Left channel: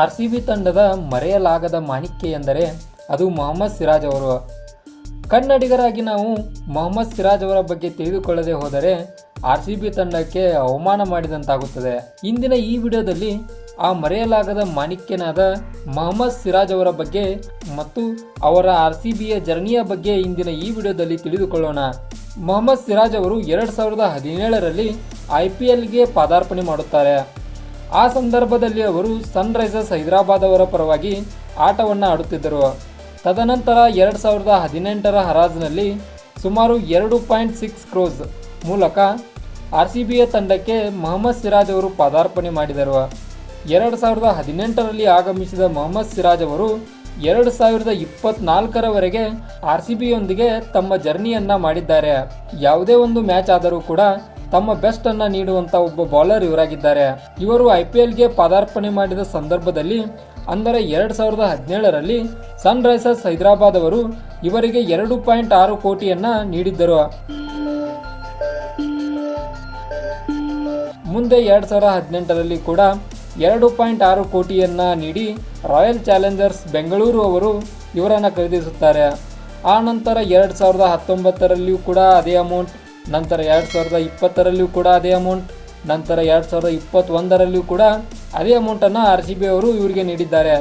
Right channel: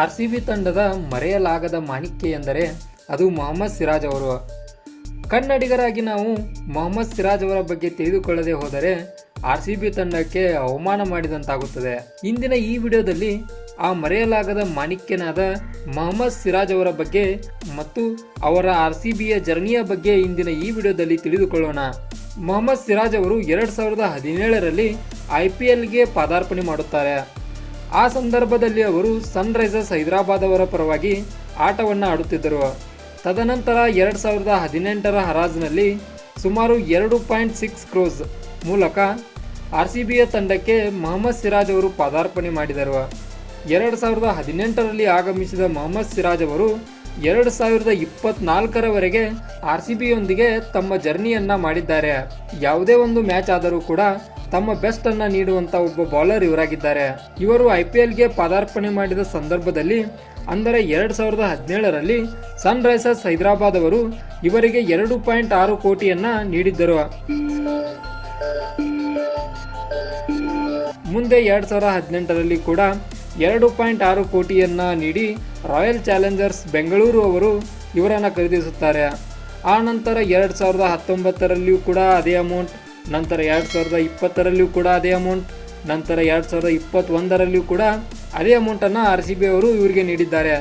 R C B ತಂಡದ ಮರೆಯಲಾಗದ ಮಾಣಿಕ್ಯ ಎಂದರೆ ಅದು ಮೊಹಮ್ಮದ್ ಸಿರಾಜ್ ಅವರು. ಕನ್ನಡಿಗರಾಗಿ ನಾವು ಮೊಹಮ್ಮದ್ ಸಿರಾಜ್ ಅವರ ಬಗ್ಗೆ ತಿಳಿದುಕೊಳ್ಳದೆ ಹೋದರೆ ಆರ್ ಸಿ ಬಿ ತಂಡಕ್ಕೆ ಅವಮಾನ ಮಾಡಿದಂತಾಗುತ್ತದೆ. ಇಂದಿನ ಈ ವಿಡಿಯೋದಲ್ಲಿ ಆ ಮರೆಯಲಾಗದ ಮಾಣಿಕ್ಯನಾದ ಮೊಹಮ್ಮದ್ ಸಿರಾಜ್ ಅವರ ಬಗ್ಗೆ ಮತ್ತು ಅವರ ಆರ್ ಸಿ ಬಿಯ ಜರ್ನಿಯ ಬಗ್ಗೆ ಇಂದಿನ ಈ ವಿಡಿಯೋದಲ್ಲಿ ತಿಳಿದುಕೊಳ್ಳೋಣ. ಮೊಹಮ್ಮದ್ ಸಿರಾಜ್ ಅವರು ಎರಡು ಸಾವಿರದ ಹದಿನೇಳರಲ್ಲಿ ಐ ಪಿ ಎಲ್ಗೆ ಪಾದಾರ್ಪಣೆ ಮಾಡುತ್ತಾರೆ. ಆ ಸಂದರ್ಭದಲ್ಲಿ ಅವರು ಸನ್ರೈಸರ್ಸ್ ಹೈದರಾಬಾದ್ ಅವರ ಪರವಾಗಿ ಆಟವನ್ನು ಆಡುತ್ತಿದ್ದರು. ತದನಂತರ ಎರಡು ಸಾವಿರದ ಹದಿನೆಂಟರ ಹರಾಜ್ನಲ್ಲಿ ಸುಮಾರು ಎರಡು ಪಾಯಿಂಟ್ ಸಿಕ್ಸ್ ಕ್ರೋಸ್ ಮೂಲಕ ಆರ್ ಸಿ ಬಿಯ ತಂಡಕ್ಕೆ ಮೊಹಮ್ಮದ್ ಸಿರಾಜ್ ಅವರು ಪಾದಾರ್ಪಣೆ ಮಾಡಿದರು. ಎರಡು ಸಾವಿರದ ಹದಿನೆಂಟರಲ್ಲಿ ಆಗಮಿಸಿದ ಮೊಹಮ್ಮದ್ ಸಿರಾಜ್ ಅವರು ಎರಡು ಸಾವಿರದ ಇಪ್ಪತ್ನಾಲ್ಕರವರೆಗೆ ಆರ್ ಸಿ ಬಿಯೊಂದಿಗೆ ತಮ್ಮ ಜರ್ನಿಯನ್ನ ಮಾಡಿದ್ದಾರೆ. ಯಾವುದೇ ಒಂದು ಮ್ಯಾಚ್ ಆದರೂ ಕೂಡ ತಮ್ಮ ಬೆಸ್ಟ್ ಅನ್ನ ನೀಡುವಂತ ಒಬ್ಬ ಬೌಲರ್ ಇವರಾಗಿದ್ದಾರೆ. ಇವರು ಐ ಪಿ ಎಲ್ಗೆ ಪದಾರ್ಪಣೆ ಮಾಡಿದ ಸಂದರ್ಭದಲ್ಲಿ, ಅಂದರೆ ಎರಡ್ ಸಾವಿರದ ಹದಿನೇಳರಲ್ಲಿ ಸನ್ ರೈಸರ್ಸ್ ಹೈದರಾಬಾದ್ ಅವರು ಇವರಿಗೆ ಎರಡು ಪಾಯಿಂಟ್ ಆರು ಕೋಟಿಯನ್ನ ನೀಡಿದ್ದರು. ಮುಂದೆ ಎರಡ್ ಸಾವಿರದ ಹದಿನೆಂಟರಲ್ಲಿ ಕೂಡ ಎರಡು ಪಾಯಿಂಟ್ ಆರು ಕೋಟಿಯನ್ನ ನೀಡಿ ರಾಯಲ್ ಚಾಲೆಂಜರ್ಸ್ ಬೆಂಗಳೂರು ಅವರು ಇವರನ್ನು ಖರೀದಿಸುತ್ತಾರೆ. ಆ ನಂತರ ಎರಡ್ ಸಾವಿರದ ಹತ್ತೊಂಬತ್ತರಲ್ಲಿಯೂ ಕೂಡ ಅದೇ ಅಮೌಂಟ್ ನಂತರ ಎರಡು ಸಾವಿರದ ಇಪ್ಪತ್ತರಲ್ಲಿಯೂ ಕೂಡ ಅದೇ ಅಮೌಂಟ್ ನಂತರ ಎರಡು ಸಾವಿರದ ಇಪ್ಪತ್ತೊಂದರಲ್ಲಿಯೂ ಕೂಡ ಅದೇ ಅಮೌಂಟನ್ನು ಆರ್ ಸಿ ಬಿ ಅವರು ಇವರಿಗೆ ನೀಡಿದ್ದಾರೆ.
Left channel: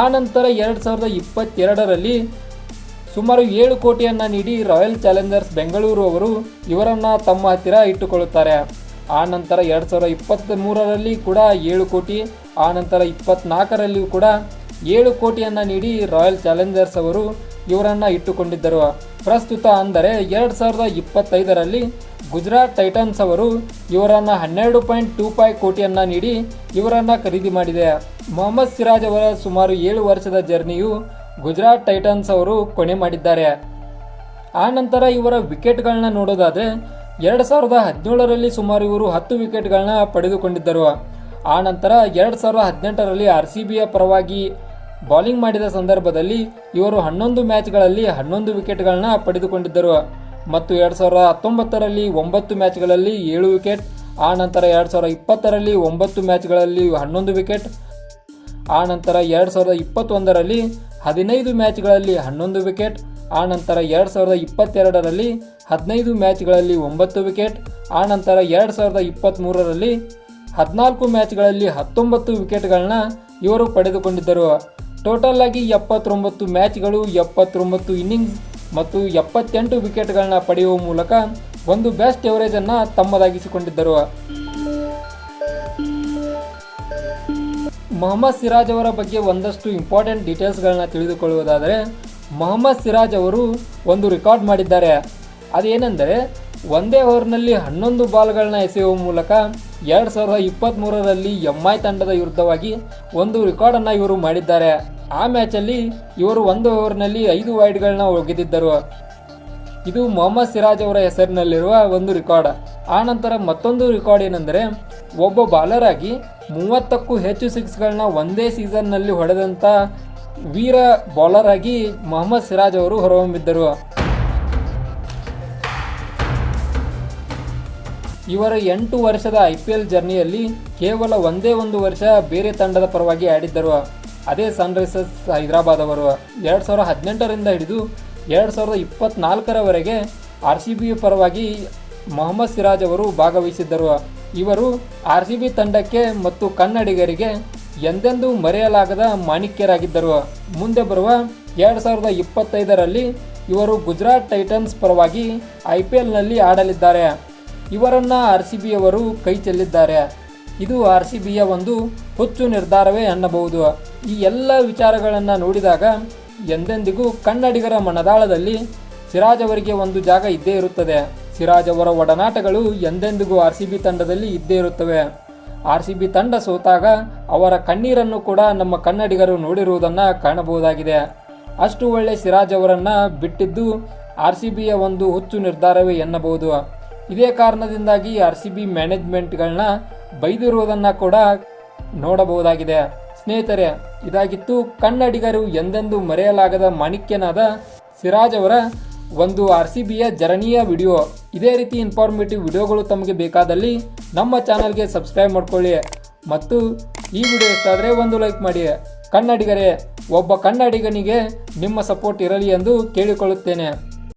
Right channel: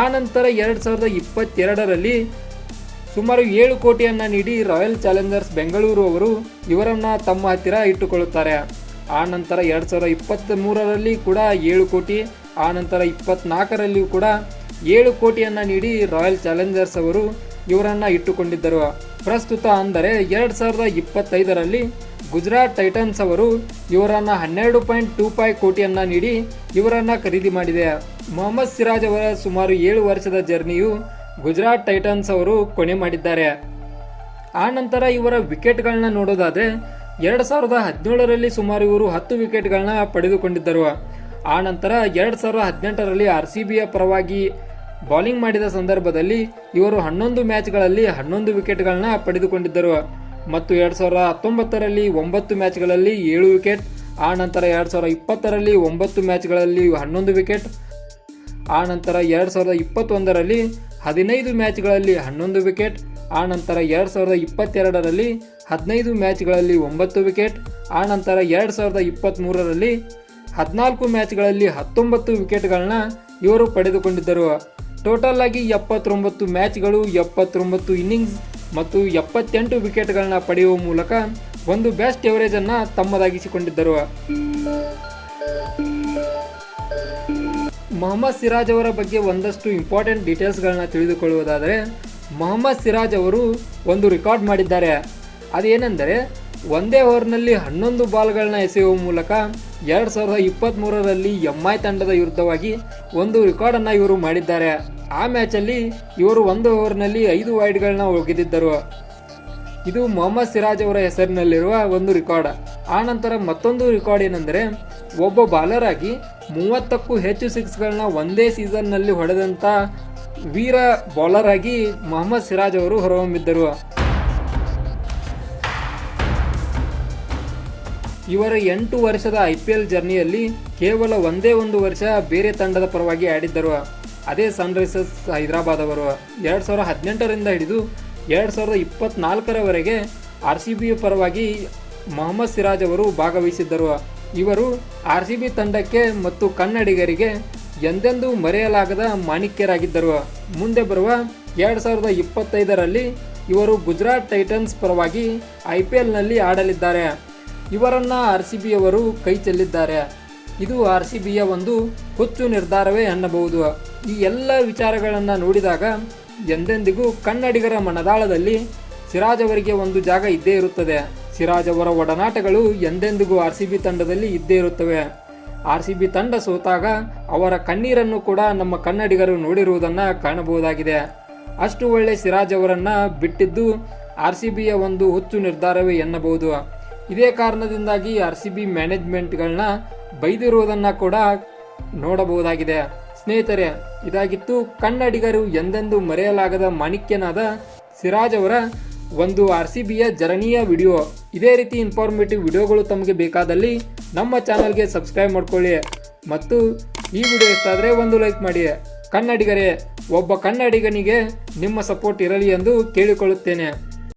ಆ ನಂತರ ಎರಡು ಸಾವಿರದ ಇಪ್ಪತ್ತೆರಡರಲ್ಲಿ ಸುಮಾರು ಏಳು ಕೋಟಿಯನ್ನು ನೀಡಿ ರಾಯಲ್ ಚಾಲೆಂಜರ್ಸ್ ಬೆಂಗಳೂರು ಅವರು ಇವರನ್ನು ತಮ್ಮ ಹತ್ತಿರ ಇಟ್ಟುಕೊಳ್ಳುತ್ತಾರೆ. ಆ ನಂತರ ಎರಡು ಸಾವಿರದ ಇಪ್ಪತ್ತ್ ಮೂರರಲ್ಲಿ ಕೂಡ ಏಳು ಕೋಟಿ, ಆ ನಂತರ ಇಪ್ಪತ್ತ್ನಾಲ್ಕರಲ್ಲಿಯೂ ಕೂಡ ಏಳು ಕೋಟಿಯನ್ನು ನೀಡಿ ರಾಯಲ್ ಚಾಲೆಂಜರ್ಸ್ ಅವರು ಇವರನ್ನು ಇಟ್ಟುಕೊಂಡಿದ್ದರು. ಪ್ರಸ್ತುತ ಅಂದರೆ ಎರಡು ಸಾವಿರದ ಇಪ್ಪತ್ತೈದರಲ್ಲಿ ಗುಜರಾತ್ ಟೈಟನ್ಸ್ ಅವರು ಇವರನ್ನು ಹನ್ನೆರಡು ಪಾಯಿಂಟ್ ಟೂ ಫೈವ್ ಕೋಟಿಯನ್ನು ನೀಡಿ ಇವರನ್ನು ಖರೀದಿ ಮಾಡಿದೆ. ಮೊಹಮ್ಮದ್ ಸಿರಾಜ್ ಅವರ ಸುಮಾರು ಏಳು ವರ್ಷದ ಜರ್ನಿಯು ಗುಜರಾತ್ ಟೈಟನ್ಸ್ ಅವರು ಕೊನೆ ಮಾಡಿದ್ದಾರೆ. ಆ ನಂತರ ಇವರ ವಿಕೆಟ್ಗಳನ್ನ ನೋಡೋದಾದರೆ ಎರಡು ಸಾವಿರದ ಹದಿನೇಳರಲ್ಲಿ ಸುಮಾರು ಇವರು ಹತ್ತು ವಿಕೆಟ್ಗಳನ್ನ ಪಡೆದುಕೊಂಡಿದ್ದರು. ಆ ನಂತರ ಎರಡು ಸಾವಿರದ ಹದಿನೆಂಟರಲ್ಲಿ ಆರ್ ಸಿ ಬಿಯ ಪರವಾಗಿ ಬೌಲಿಂಗ್ ಮಾಡಿದ ಸಂದರ್ಭದಲ್ಲಿ ಇವರು ಹನ್ನೊಂದು ಮ್ಯಾಚ್ಗಳಲ್ಲಿ ಹನ್ನೊಂದು ವಿಕೆಟ್ಗಳನ್ನ ಪಡೆದುಕೊಂಡಿದ್ದರು. ಮತ್ತು ಎರಡು ಸಾವಿರದ ಹತ್ತೊಂಬತ್ತರಲ್ಲಿ ಒಂಬತ್ತು ಮ್ಯಾಚ್ಗಳಲ್ಲಿ ಏಳು ವಿಕೆಟ್ ಆ ನಂತರ ಎರಡು ಸಾವಿರದ ಇಪ್ಪತ್ತರಲ್ಲಿ ಒಂಬತ್ತು ಮ್ಯಾಚ್ಗಳಲ್ಲಿ ಹನ್ನೊಂದು ವಿಕೆಟ್ ಆ ನಂತರ ಎರಡು ಸಾವಿರದ ಇಪ್ಪತ್ತೊಂದರಲ್ಲಿ ಹದಿನೈದು ಮ್ಯಾಚ್ಗಳಲ್ಲಿ ಹನ್ನೊಂದು ವಿಕೆಟ್ ಆ ನಂತರ ಎರಡು ಸಾವಿರದ ಇಪ್ಪತ್ತೆರಡರಲ್ಲಿ ಹದಿನೈದು ಮ್ಯಾಚ್ಗಳಲ್ಲಿ ಒಂಬತ್ತು ವಿಕೆಟ್ ಆ ನಂತರ ಎರಡು ಸಾವಿರದ ಇಪ್ಪತ್ತ್ಮೂರರಲ್ಲಿ ಹದಿನಾಲ್ಕು ಮ್ಯಾಚ್ಗಳಲ್ಲಿ ಹತ್ತೊಂಬತ್ತು ವಿಕೆಟ್ಗಳನ್ನ ಇವರು ಪಡೆದುಕೊಂಡಿದ್ದರು. ಟೋಟಲ್ ಆಗಿ ಎಪ್ಪತ್ತೊಂಬತ್ತು ಮ್ಯಾಚ್ಗಳು, ಎಪ್ಪತ್ತೊಂಬತ್ತು ಇನ್ನಿಂಗ್ಸ್ ಮತ್ತು ಎಪ್ಪತ್ತೆಂಟು ವಿಕೆಟ್ಗಳನ್ನ ಪಡೆಯುವ ಮೂಲಕ ಒಂದು ಬೆಸ್ಟ್ ಎವರೇಜನ್ನು ತಮ್ಮದಾಗಿಸಿಕೊಂಡಿದ್ದರು. ಮೊಹಮ್ಮದ್ ಸಿರಾಜ್ ಅವರ ಬಗ್ಗೆ ಒಂದಷ್ಟು ಇಂಪಾರ್ಟೆಂಟ್ ಡೀಟೇಲ್ಸ್ಗಳನ್ನ ತಿಳಿದುಕೊಳ್ಳುವುದಾದರೆ, ಮೊಹಮ್ಮದ್ ಸಿರಾಜ್ ಅವರು ಒಂದು ರೆಕಾರ್ಡ್ ಮಾಡಿದ್ದಾರೆ. ಅದೇನೆಂದರೆ ಒಂದೇ ಓವರ್ನಲ್ಲಿ ಹನ್ನೊಂದು ಬಾಲ್ಗಳನ್ನ ಎಸೆಯುವ ಮೂಲಕ ಎರಡು ಸಾವಿರದ ಇಪ್ಪತ್ತ್ಮೂರರಲ್ಲಿ ಎಂ ಐ ತಂಡದ ವಿರುದ್ಧವಾಗಿ ಒಂದು ರೆಕಾರ್ಡನ್ನು ಇವರು ಮಾಡಿದ್ದಾರೆ. ಆ ಮ್ಯಾಚಲ್ಲಿ ಇವರು ಒಂದು ಓವರ್ನಲ್ಲಿ ಐದು ವೈಡ್ಗಳನ್ನ ಒಗೆದಿದ್ದರು. ಇದು ಮೊಹಮ್ಮದ್ ಸಿರಾಜ್ ಅವರ ಹೆಸರಿನಲ್ಲಿರುವ ಒಂದು ರೆಕಾರ್ಡ್. ಆ ನಂತರ ಮತ್ತೊಂದು ರೆಕಾರ್ಡ್ ಏನೆಂದರೆ, ಒಬ್ಬ ಬಾಲರ್ ಆಗಿ ಮೂವತ್ತಕ್ಕೂ ಹೆಚ್ಚು ಸಿಕ್ಸ್ಗಳನ್ನ ಒಂದೇ ಸೀಸನ್ನಲ್ಲಿ ಹೊಡೆದಂಥ ವೀರ ಬಾಲರ್ ಆಗಿ ಮೊಹಮ್ಮದ್ ಸಿರಾಜ್ ಅವರು ಹೊರಹೊಮ್ಮಿದ್ದರು. ಇವರ ಎಂಟು ವರ್ಷದ ಐ ಪಿ ಎಲ್ ಜರ್ನಿಯಲ್ಲಿ ಕೇವಲ ಒಂದೇ ಒಂದು ವರ್ಷ ಬೇರೆ ತಂಡದ ಪರವಾಗಿ ಆಡಿದ್ದರು. ಅದೇ ಸನ್ರೈಸರ್ಸ್ ಹೈದರಾಬಾದ್ ಅವರು. ಎರಡು ಸಾವಿರದ ಹದಿನೆಂಟರಿಂದ ಹಿಡಿದು ಎರಡು ಸಾವಿರದ ಇಪ್ಪತ್ನಾಲ್ಕರವರೆಗೆ ಆರ್ ಸಿ ಬಿ ಪರವಾಗಿ ಮೊಹಮ್ಮದ್ ಸಿರಾಜ್ ಅವರು ಭಾಗವಹಿಸಿದ್ದರು. ಇವರು ಆರ್ ಸಿ ಬಿ ತಂಡಕ್ಕೆ ಮತ್ತು ಕನ್ನಡಿಗರಿಗೆ ಎಂದೆಂದೂ ಮರೆಯಲಾಗದ ಮಾಣಿಕ್ಯರಾಗಿದ್ದರು. ಮುಂದೆ ಬರುವ ಎರಡು ಸಾವಿರದ ಇಪ್ಪತ್ತೈದರಲ್ಲಿ ಇವರು ಗುಜರಾತ್ ಟೈಟನ್ಸ್ ಪರವಾಗಿ ಐ ಪಿ ಎಲ್ನಲ್ಲಿ ಆಡಲಿದ್ದಾರೆ. ಇವರನ್ನ ಆರ್ ಸಿ ಬಿಯವರು ಕೈ ಚೆಲ್ಲಿದ್ದಾರೆ. ಇದು ಆರ್ ಸಿ ಬಿಯ ಒಂದು ಹುಚ್ಚು ನಿರ್ಧಾರವೇ ಅನ್ನಬಹುದು. ಈ ಎಲ್ಲ ವಿಚಾರಗಳನ್ನು ನೋಡಿದಾಗ ಎಂದೆಂದಿಗೂ ಕನ್ನಡಿಗರ ಮನದಾಳದಲ್ಲಿ ಸಿರಾಜ್ ಅವರಿಗೆ ಒಂದು ಜಾಗ ಇದ್ದೇ ಇರುತ್ತದೆ. ಸಿರಾಜ್ ಅವರ ಒಡನಾಟಗಳು ಎಂದೆಂದಿಗೂ ಆರ್ ಸಿ ಬಿ ತಂಡದಲ್ಲಿ ಇದ್ದೇ ಇರುತ್ತವೆ. ಆರ್ ಸಿ ಬಿ ತಂಡ ಸೋತಾಗ ಅವರ ಕಣ್ಣೀರನ್ನು ಕೂಡ ನಮ್ಮ ಕನ್ನಡಿಗರು ನೋಡಿರುವುದನ್ನು ಕಾಣಬಹುದಾಗಿದೆ. ಅಷ್ಟು ಒಳ್ಳೆ ಸಿರಾಜ್ ಅವರನ್ನು ಬಿಟ್ಟಿದ್ದು ಆರ್ ಸಿ ಬಿಯ ಒಂದು ಹುಚ್ಚು ನಿರ್ಧಾರವೇ ಎನ್ನಬಹುದು ಇದೇ ಕಾರಣದಿಂದಾಗಿ ಆರ್ ಸಿ ಬಿ ಮ್ಯಾನೇಜ್ಮೆಂಟ್ಗಳನ್ನ ಬೈದಿರುವುದನ್ನು ಕೂಡ ನೋಡಬಹುದಾಗಿದೆ. ಸ್ನೇಹಿತರೆ, ಇದಾಗಿತ್ತು ಕನ್ನಡಿಗರು ಎಂದೆಂದೂ ಮರೆಯಲಾಗದ ಮಾಣಿಕ್ಯನಾದ ಸಿರಾಜ್ ಅವರ ಒಂದು ಆರ್ ಸಿ ಬಿಯ ಜರಣೀಯ ವಿಡಿಯೋ. ಇದೇ ರೀತಿ ಇನ್ಫಾರ್ಮೇಟಿವ್ ವಿಡಿಯೋಗಳು ತಮಗೆ ಬೇಕಾದಲ್ಲಿ ನಮ್ಮ ಚಾನಲ್ಗೆ ಸಬ್ಸ್ಕ್ರೈಬ್ ಮಾಡ್ಕೊಳ್ಳಿ. ಮತ್ತು ಈ ವಿಡಿಯೋ ಇಷ್ಟ ಆದರೆ ಒಂದು ಲೈಕ್ ಮಾಡಿ. ಕನ್ನಡಿಗರೇ, ಒಬ್ಬ ಕನ್ನಡಿಗನಿಗೆ ನಿಮ್ಮ ಸಪೋರ್ಟ್ ಇರಲಿ ಎಂದು ಕೇಳಿಕೊಳ್ಳುತ್ತೇನೆ.